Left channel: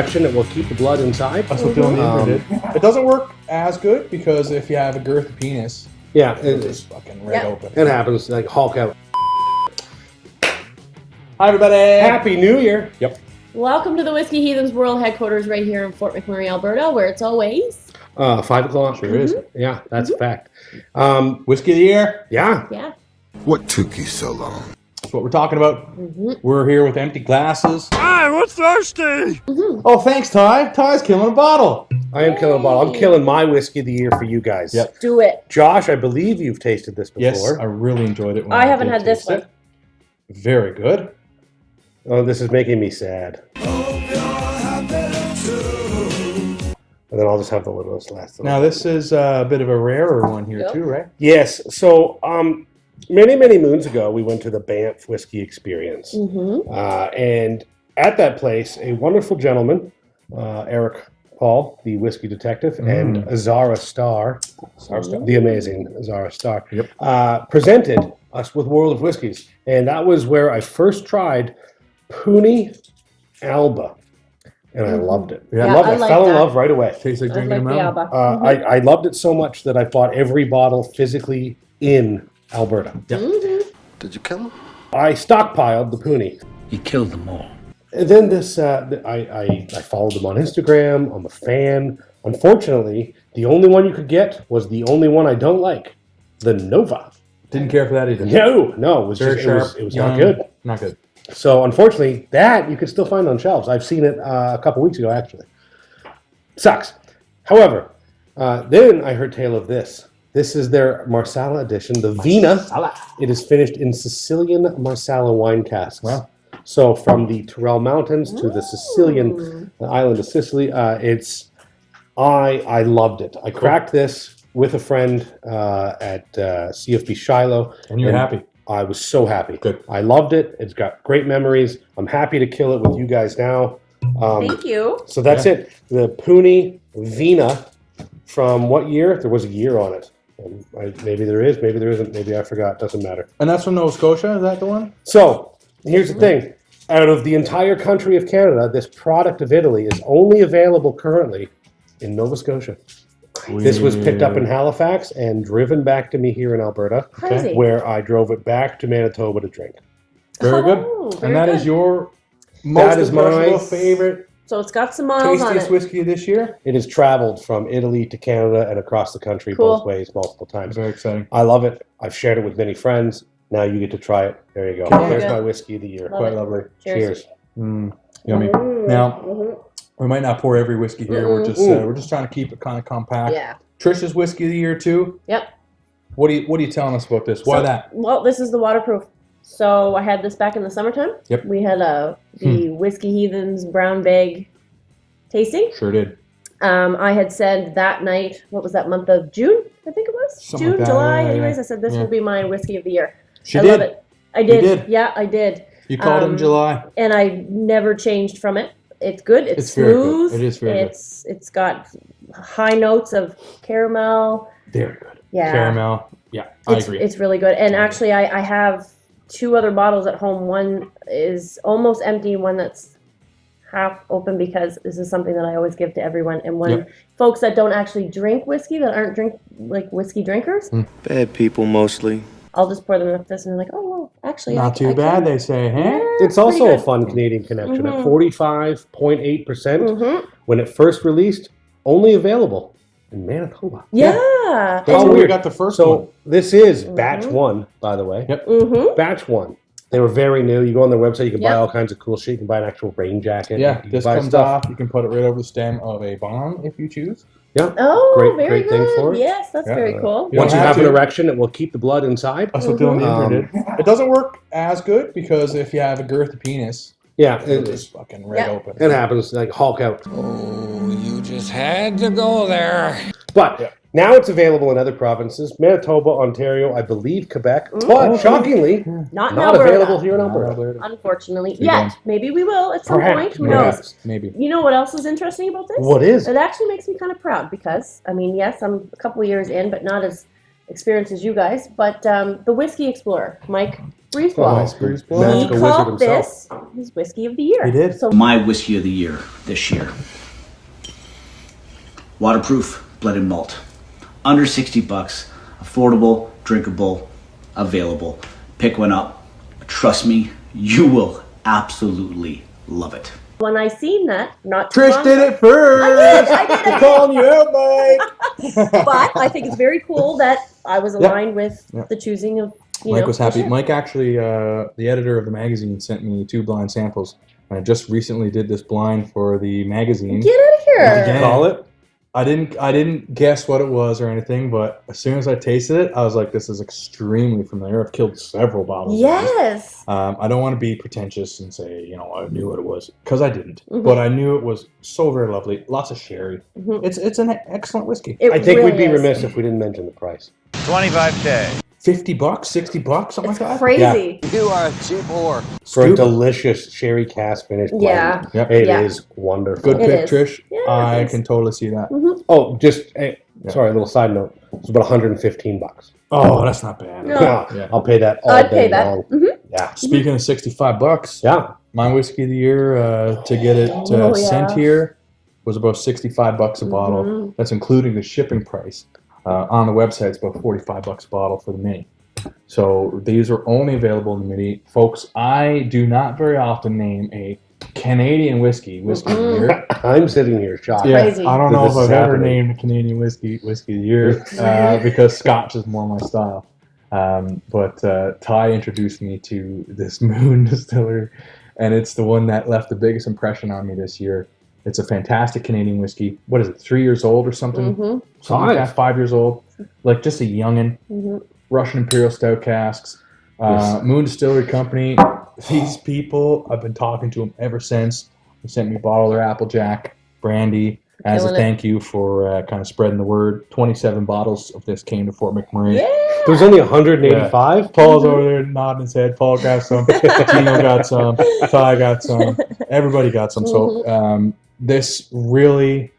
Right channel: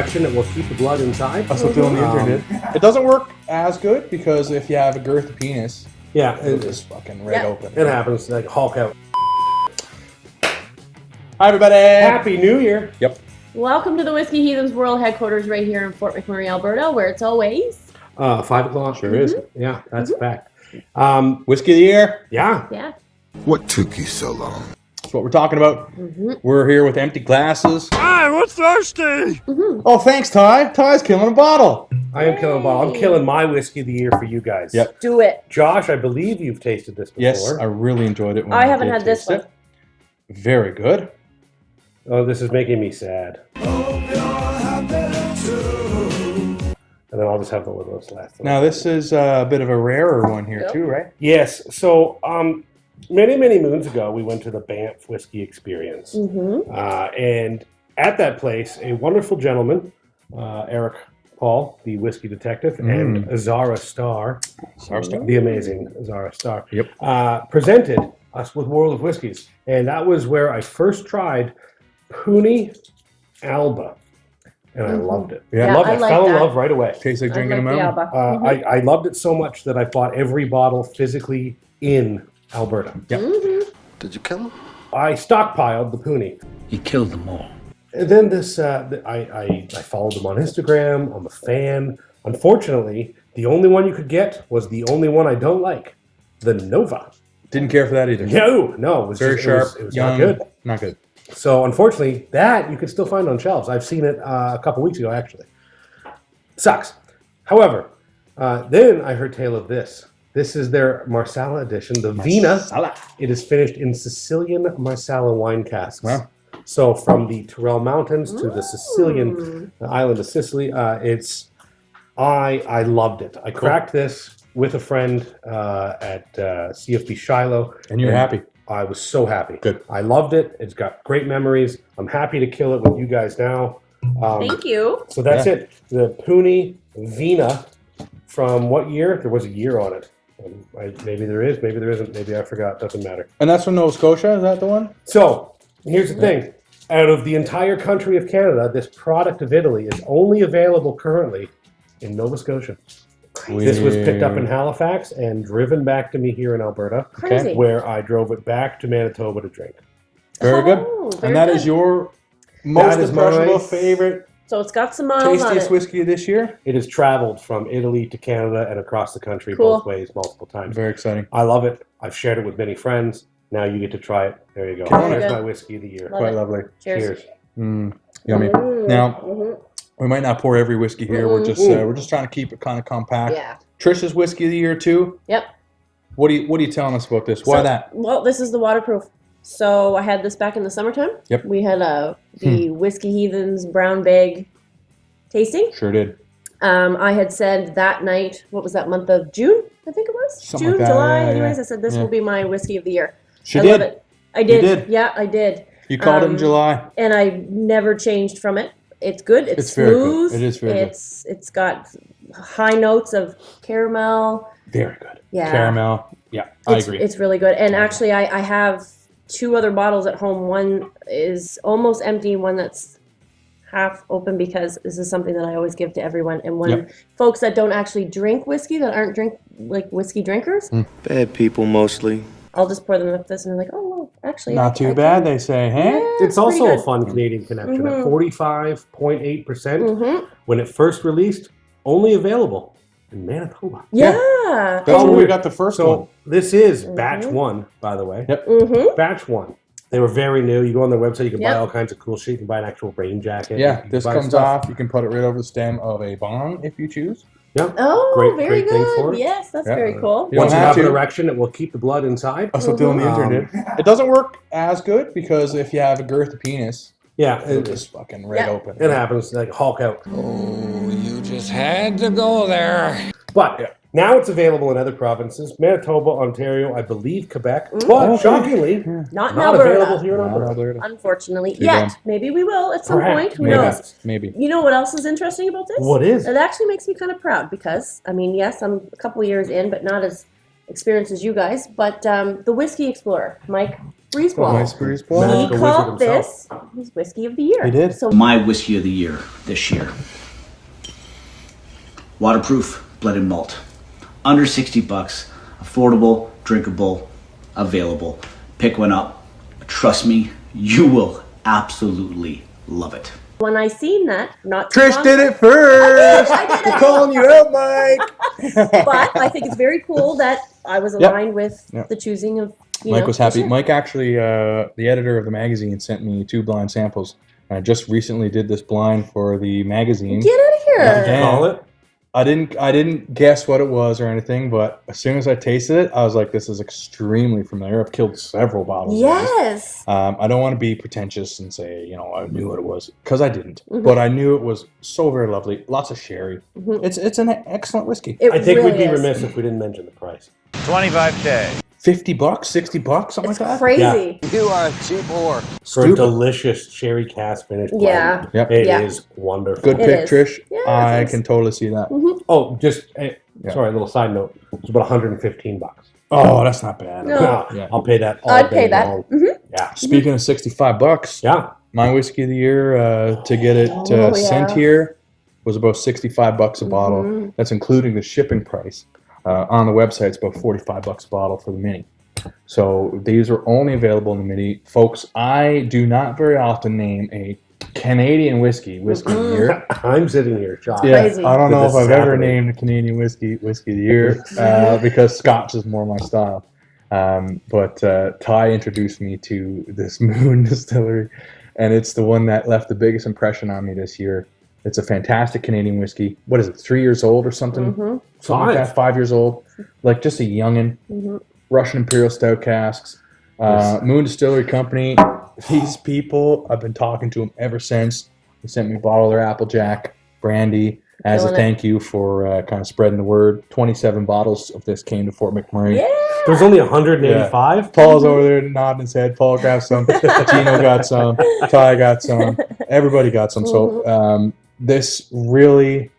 direction, it will keep the blood inside. That's what Dylan Neither did. It doesn't work as good because if you have a girthy penis, Yeah, it's just fucking right open. It happens, like Hulk out. Hi, everybody. Happy New Year. Yep. Welcome to the Whiskey Heathens World Headquarters right here in Fort McMurray, Alberta, where it's always... 5 o'clock. Sure is. Yeah, that's a fact. Whiskey of the year. Yeah. Yeah. What took you so long? That's what we're talking about. We're here with empty glasses. I'm thirsty! Oh, thanks, Ty. Ty's killing a bottle. I am killing a bottle. I'm killing my Whiskey of the Year for you guys. Yep. Do it. Josh, I believe you've tasted this before. Yes, I really enjoyed it. When I haven't did had this taste it. Very good. Oh, this is making me sad. And then I'll just have the littlest last. Now, this is a bit of a rarer one here, too, right? Yes. So, many, many moons ago, we went to the Banff Whiskey Experience. And at that place, a wonderful gentleman, Eric Paul, the whiskey detective, and Azara Starr, the amazing Azara Starr, presented us with World of Whiskies. And that was where I first tried Puni Alba. And I loved it. Yeah, I fell in love right away. Tastes like drinking a mountain. I loved it so much that I bought every bottle physically in Alberta. Yep. Did you kill him? I stockpiled the Puni. You killed them all. And then this, I followed them on Instagram. I'm a fan. Unfortunately, the only one you could get was the only one I don't like, the Nova. Didn't care for that either. No, it was very just, sharp. It was young, not good. Not good. So unfortunately, that you can still find on shelves. I've seen it a couple weeks ago, actually. Sucks. However, then I heard tale of this. This is their Marsala edition, the Vina. It is finished in Sicilian Marsala wine casks. Wow. So from the Tyrrell Mountains to the Sicilian island of Sicily, I loved it. I cracked this with a friend at CFB Shiloh. And you're happy. I was so happy. Good. I loved it. It's got great memories. I'm happy to kill it with you guys now. Thank you. So that's it. The Puni Vina from what year? There was a year on it. Maybe there is, maybe there isn't. Maybe I forgot. Doesn't matter. And that's from Nova Scotia? Is that the one? So here's the thing. Out of the entire country of Canada, this product of Italy is only available currently in Nova Scotia. This was picked up in Halifax and driven back to me here in Alberta, Crazy. where I drove it back to Manitoba to drink. Very good. And that is your most impressionable, favorite, So it's got some miles on tastiest it. whiskey this year? It has traveled from Italy to Canada and across the country both ways multiple times. Very exciting. I love it. I've shared it with many friends. Now you get to try it. There you go. Very There's good. my whiskey of the year. Quite lovely. Cheers. Yummy. Now, we might not pour every whiskey here. We're just trying to keep it kind of compact. Yeah. Trisha's whiskey of the year too. Yep. What are you telling us about this? Why that? Well, this is the waterproof. So I had this back in the summertime. Yep. We had the Whiskey Heathens brown bag tasting. Sure did. I had said that night, what was that month of June? I think it was Something June, like that, July. yeah. Anyways, I said this will be my whiskey of the year. She I did. love it. I did. did. Yeah, I did. You called it in July. And I never changed from it. It's good. It's very good. smooth. It is very good. It's got high notes of caramel. Very good. Yeah. Caramel. Yeah, I agree. It's really good. And actually, I have 2 other bottles at home. One is almost empty, one that's half open, because this is something that I always give to everyone. And when folks that don't actually drink whiskey, that aren't whiskey drinkers, Bad people mostly. I'll just pour them with this, and they're like, oh, well, actually, Not too bad, they say, hey? Yeah, It's also pretty a good. fun Canadian connection at 45.8%. When it first released, only available in Manitoba. Yeah. That's where we weird. got the first one. So this is batch 1, by the way. Yep. Batch 1. They were very new. You go on their website, you can buy all kinds of cool shit. You can buy an actual rain jacket. Yeah, You can this buy comes stuff. off. You can put it right over the stem of a bong if you choose. Yeah. Oh, Great very thing for good. it. Yes, that's very cool. You Once don't you have have an to. erection, it will keep the blood inside. That's what Dylan Neither did. It doesn't work as good because if you have a girthy penis, Yeah, it's just fucking right open. it happens, like Hulk out. Oh, you just had to go there. But now it's available in other provinces, Manitoba, Ontario, I believe Quebec. But shockingly, Not not Alberta. available here in Alberta. Unfortunately, Too yet. bad. Maybe we will at some Perhaps. point. Who Maybe. knows? Maybe. You know what else is interesting about this? What is? It actually makes me kind of proud because, I mean, yes, I'm a couple years in, but not as experienced as you guys. But the Whiskey Explorer, Mike, Breeze Ball. Nice Breeze Ball. He Magical called wizard this his whiskey of the year. He did. So My whiskey of the year this year. Waterproof blended malt. Under $60, affordable, drinkable, available. Pick one up. Trust me, you will absolutely love it. when I seen that, not too Trish long- did it first. I did. Calling you out, Mike. But I think it's very cool that I was aligned with the choosing of. Mike was happy. Mike actually, the editor of the magazine, sent me 2 blind samples. And I just recently did this blind for the magazine. Get out of here! Did you call it? I didn't guess what it was or anything, but as soon as I tasted it, I was like, "This is extremely familiar." I've killed several bottles. Yes. Of this. I don't want to be pretentious and say, I knew what it was, because I didn't. But I knew it was so very lovely. Lots of sherry. It's an excellent whiskey. It I think really we'd be is. remiss if we didn't mention the price. $25K. $50, $60, something It's like that. crazy. You are a cheap whore. For a Stupid. delicious sherry cask finish blend. Yeah. Yep. It Yeah. is wonderful. Good It pick, is. Trish. Yes. I can totally see that. Oh, just sorry, a little side note. It's about $115. Oh, that's not bad. No. Yeah. I'll pay that all I'd day pay that. long. Yeah. Speaking of $65, Yeah. my whiskey of the year to get it Oh, sent yeah. here was about $65 a bottle. That's including the shipping price. On the website, it's about $45 a bottle for the mini. So these are only available in the mini, folks. I do not very often name a Canadian whiskey of the year. I'm sitting here shocked. Yeah, Crazy. I don't know This if is I've ever happening. named a Canadian whiskey of the year because Scotch is more my style. But Ty introduced me to this Moon Distillery, and it's the one that left the biggest impression on me this year. It's a fantastic Canadian whiskey. What is it, 3 years old or something? Something like that, 5 years old. Like just a youngin'. Russian Imperial Stout casks. Moon Distillery Company. These people, I've been talking to them ever since. They sent me a bottle of their Applejack brandy as a Killing it. thank you for kind of spreading the word. 27 bottles of this came to Fort McMurray. Yeah. There's only 185. Paul's over there nodding his head. Paul got some. Tino got some. Ty got some. Everybody got some. So this really,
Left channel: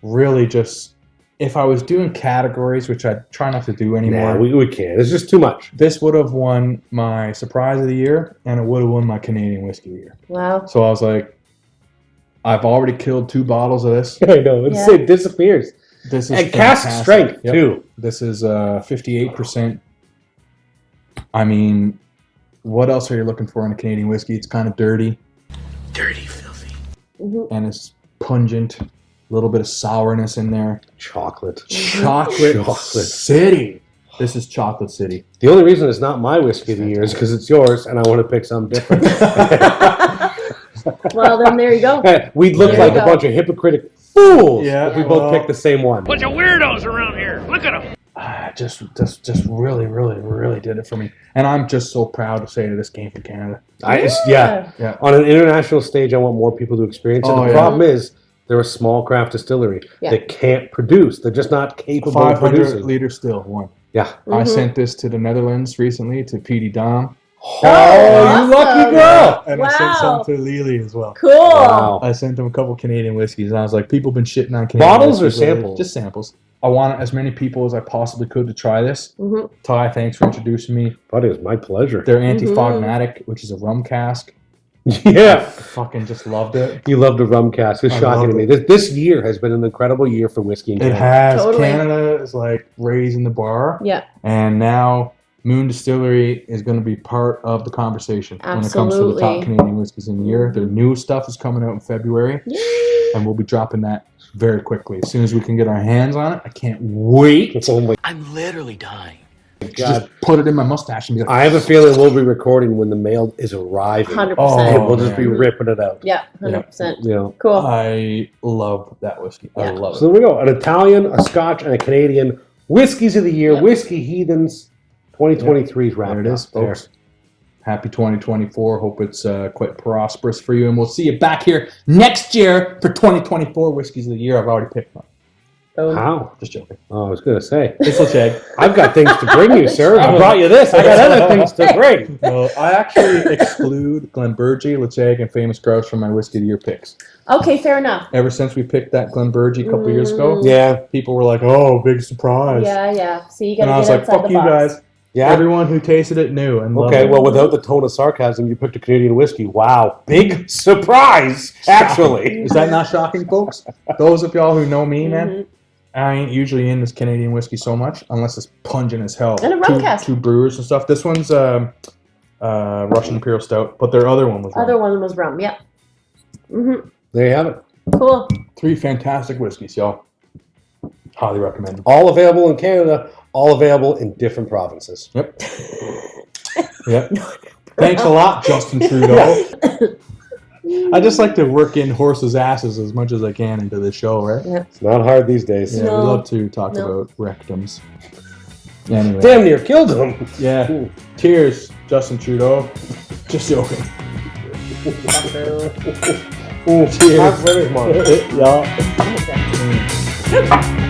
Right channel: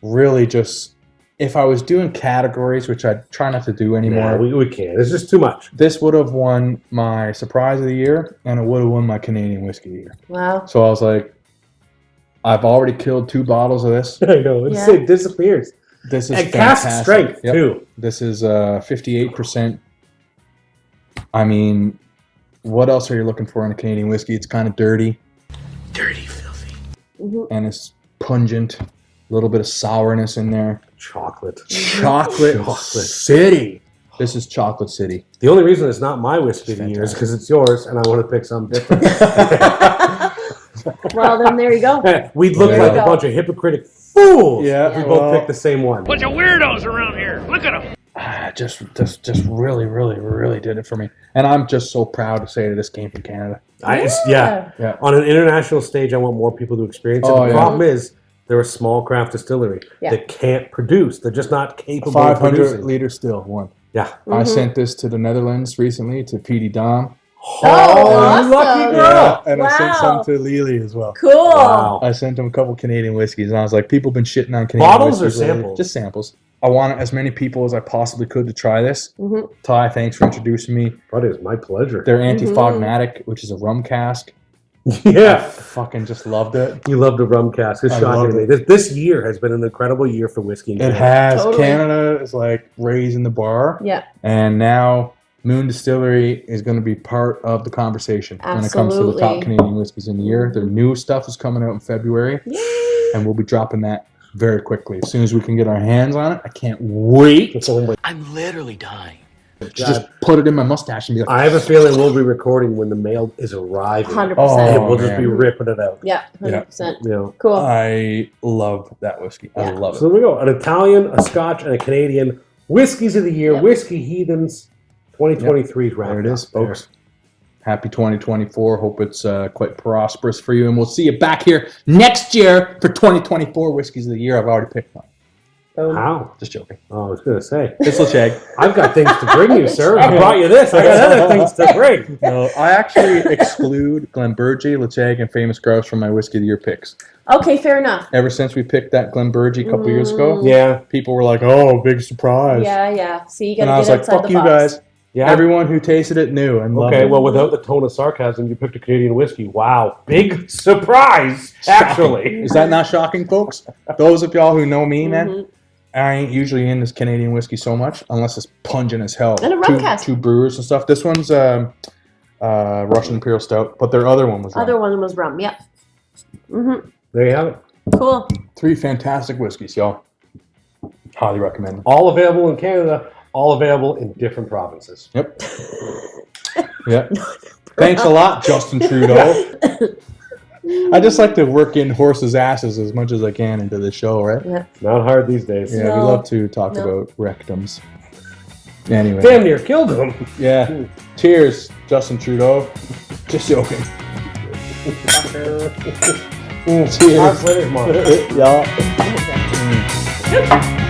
really just, if I was doing categories, which I try not to do anymore, Yeah, we can't. It's just too much. this would have won my surprise of the year, and it would have won my Canadian whiskey of the year. Wow. So I was like, I've already killed 2 bottles of this. I know. Yeah. It disappears. This is And cask fantastic. strength, Yep. too. This is 58%. I mean, what else are you looking for in a Canadian whiskey? It's kind of dirty. Dirty, filthy. And it's pungent. A little bit of sourness in there. Chocolate. Chocolate City. This is Chocolate City. The only reason it's not my whiskey of the year is because it's yours and I want to pick something different. Well, then there you go. Hey, we'd look There like you a go. bunch of hypocritic fools Yeah, if we well- both picked the same one. Bunch of weirdos around here. Look at them. Just really, really, really did it for me. And I'm just so proud to say that this came from Canada. Yeah. Yeah. On an international stage, I want more people to experience it. Oh, The yeah. problem is, they're a small craft distillery. Yeah. They can't produce. They're just not capable of 500 producing. liter still, one. Yeah. I sent this to the Netherlands recently, to PD Dom. Oh, awesome. you lucky Yeah, girl. and I sent Wow. some to Lily as well. Cool. Wow. I sent them a couple Canadian whiskeys, and I was like, people been shitting on Canadian Bottles or whiskeys lately. samples? Just samples. I wanted as many people as I possibly could to try this. Ty, thanks for introducing me. But it's my pleasure. Their Anti-Fogmatic, which is a rum cask. I Yeah. fucking just loved it. You loved a rum cask. It's I shocking to loved me. it. This year has been an incredible year for whiskey. in It Canada. has. Totally. Canada is like raising the bar. Yeah. And now Moon Distillery is going to be part of the conversation when it comes to the top Absolutely. Canadian whiskeys in the year. Their new stuff is coming out in February, and we'll be dropping that very quickly. As soon as we can get our hands on it, I can't wait Oh my I'm literally dying. to just put it in my mustache and be like, I have a feeling we'll be recording when the mail is arriving. 100%. And Oh, we'll just man. be ripping it out. Yeah, 100%. You know. Cool. I love that whiskey. I Yeah. love So it. there we go. An Italian, a Scotch, and a Canadian. Whiskeys of the year. Yep. Whiskey Heathens 2023 is wrapped There it is, up there. folks. Happy 2024. Hope it's quite prosperous for you. And we'll see you back here next year for 2024 Whiskeys of the Year. I've already picked one. Boom. How? Just joking. Oh, I was going to say. It's LeCheg. I've got things to bring you, sir. I brought you this. I got other things to bring. No, I actually exclude Glenburgie, LeCheg, and Famous Grouse from my Whiskey of the Year picks. Okay, fair enough. Ever since we picked that Glenburgie a couple years ago, Yeah. people were like, oh, big surprise. Yeah. See, you And gotta I was get like, outside fuck the you box. guys. Yeah. Everyone who tasted it knew and loved Okay, it. well, without the tone of sarcasm, you picked a Canadian whiskey. Wow, big surprise! Actually, Is that not shocking, folks? Those of y'all who know me, man, Mhm. I ain't usually in this Canadian whiskey so much unless it's pungent as hell. And a rum cask. Two brewers and stuff. This one's Russian Imperial Stout, but their other one was rum. Other one was rum. Yeah. Mm-hmm. there you have it. Cool. 3 fantastic whiskeys, y'all. Highly recommend them. All available in Canada. All available in different provinces. Yep. Yep. Thanks a lot, Justin Trudeau. I just like to work in horses' asses as much as I can into the show, right? Yeah. It's not hard these days. Yeah, No. we love to talk No. about rectums. Anyway. Damn near killed him. Yeah. Cheers, Justin Trudeau. Just joking. Cheers. Yeah.